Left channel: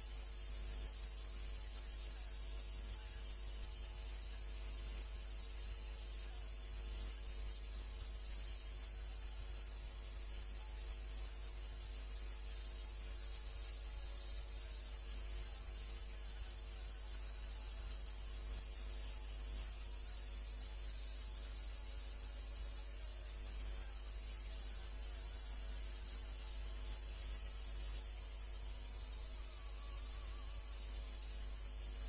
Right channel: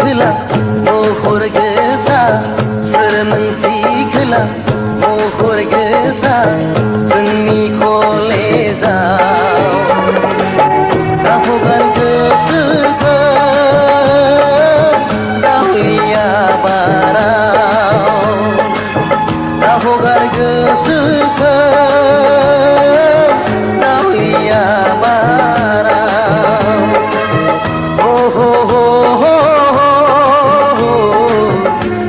खोला महर गोसा सोर नोंसि खोला महर गोसा जोंनि कलेजाव दा हगार गोसोखौ दावलिया बाराव दा हगार गोसोखौ दावलिया बाराव हो हो हो हो हो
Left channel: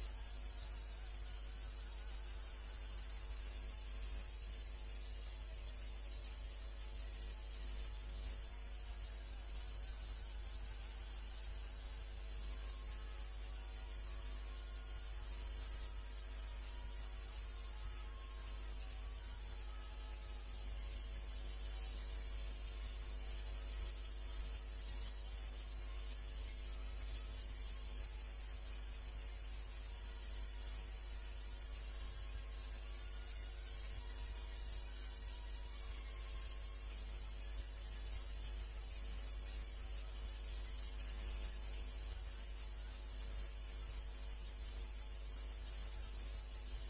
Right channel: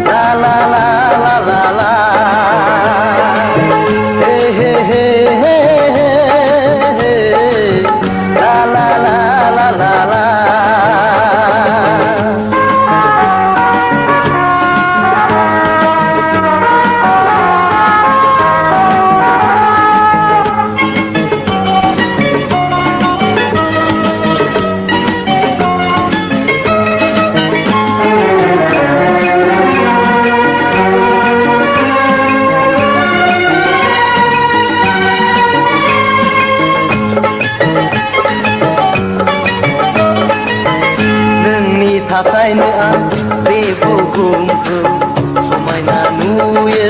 ला ला ला ला ला ला हे हे हे हे हे ला ला ला ला ला ला थाखायनो आं बे बुहुमखौ समायना नुयो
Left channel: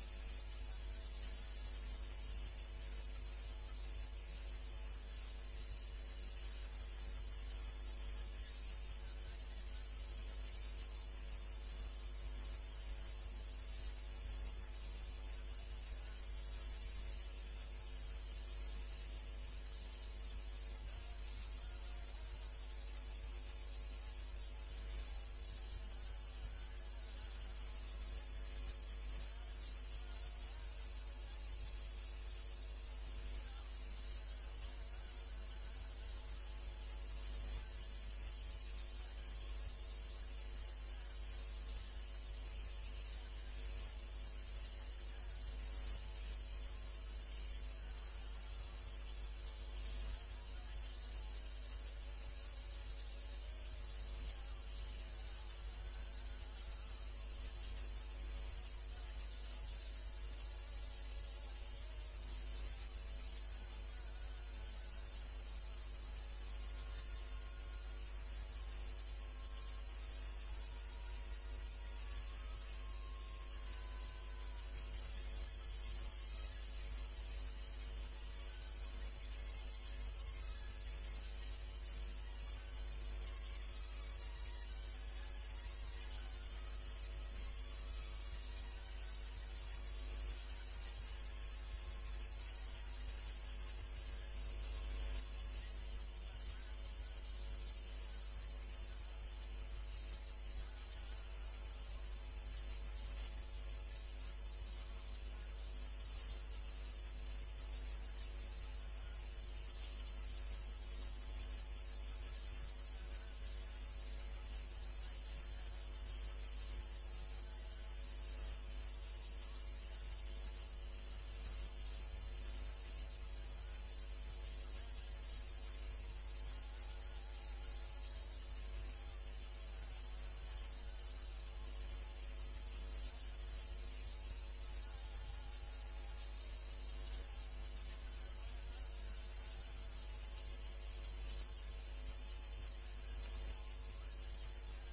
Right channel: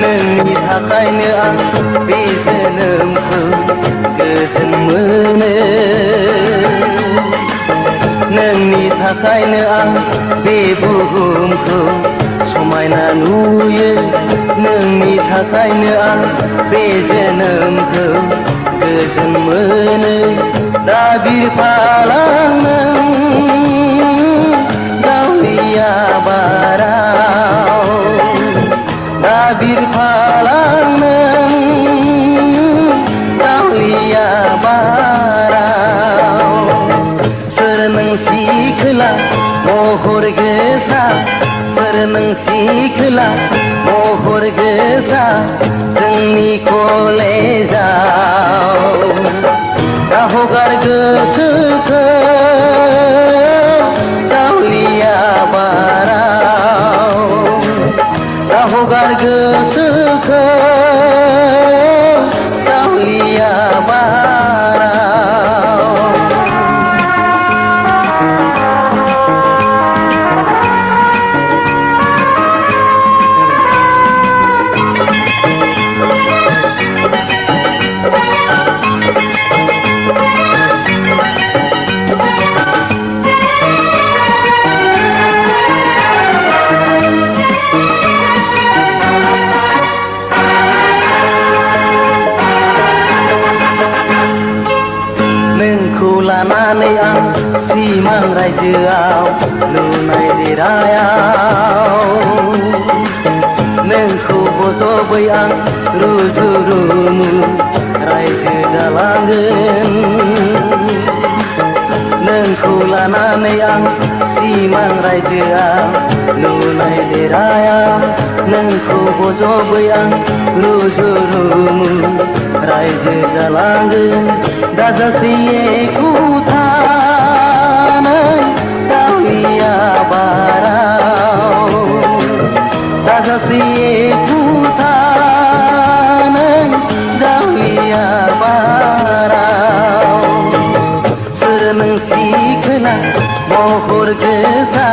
नोंनि थाखायनो आं बे जोनोमखौ गोजोन मोनो नोंनि थाखायनो आं बे बुहुमखौ समायना नुयो नोंनि थाखायनो आं बे जोनोमखौ गोजोन मोनो दा बिरफालां नों दावलिया बाराव दा बिरफालां नों दावलिया बाराव सोर नोंसि खोला महर गोसा सोर नोंसि खोला महर गोसा जोंनि कलेजाव दा हगार गोसोखौ दावलिया बाराव दा हगार गोसोखौ दावलिया बाराव लानानै आं सिमां रायजोआव लुनाय देरायाव नोंखौ बजबै आं रुजु रुमु रायजो जालांगोन नोंखौ लानानै आं सिमां रायजोआव लुनाय देरायाव नोंखौ बजबै आं रुजु रुमु रायजो जालांगोन दाजासि एखुथानै दावलिया बाराव दाजासि एखुथानै दावलिया बाराव सोर नोंसि खोला महर गोसा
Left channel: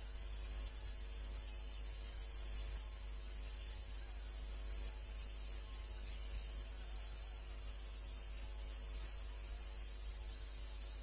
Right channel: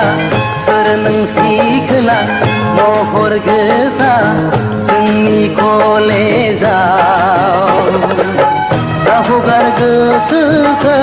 सोर नोंसि खोला महर गोसा जोंनि कलेजाव दा हगार गोसोखौ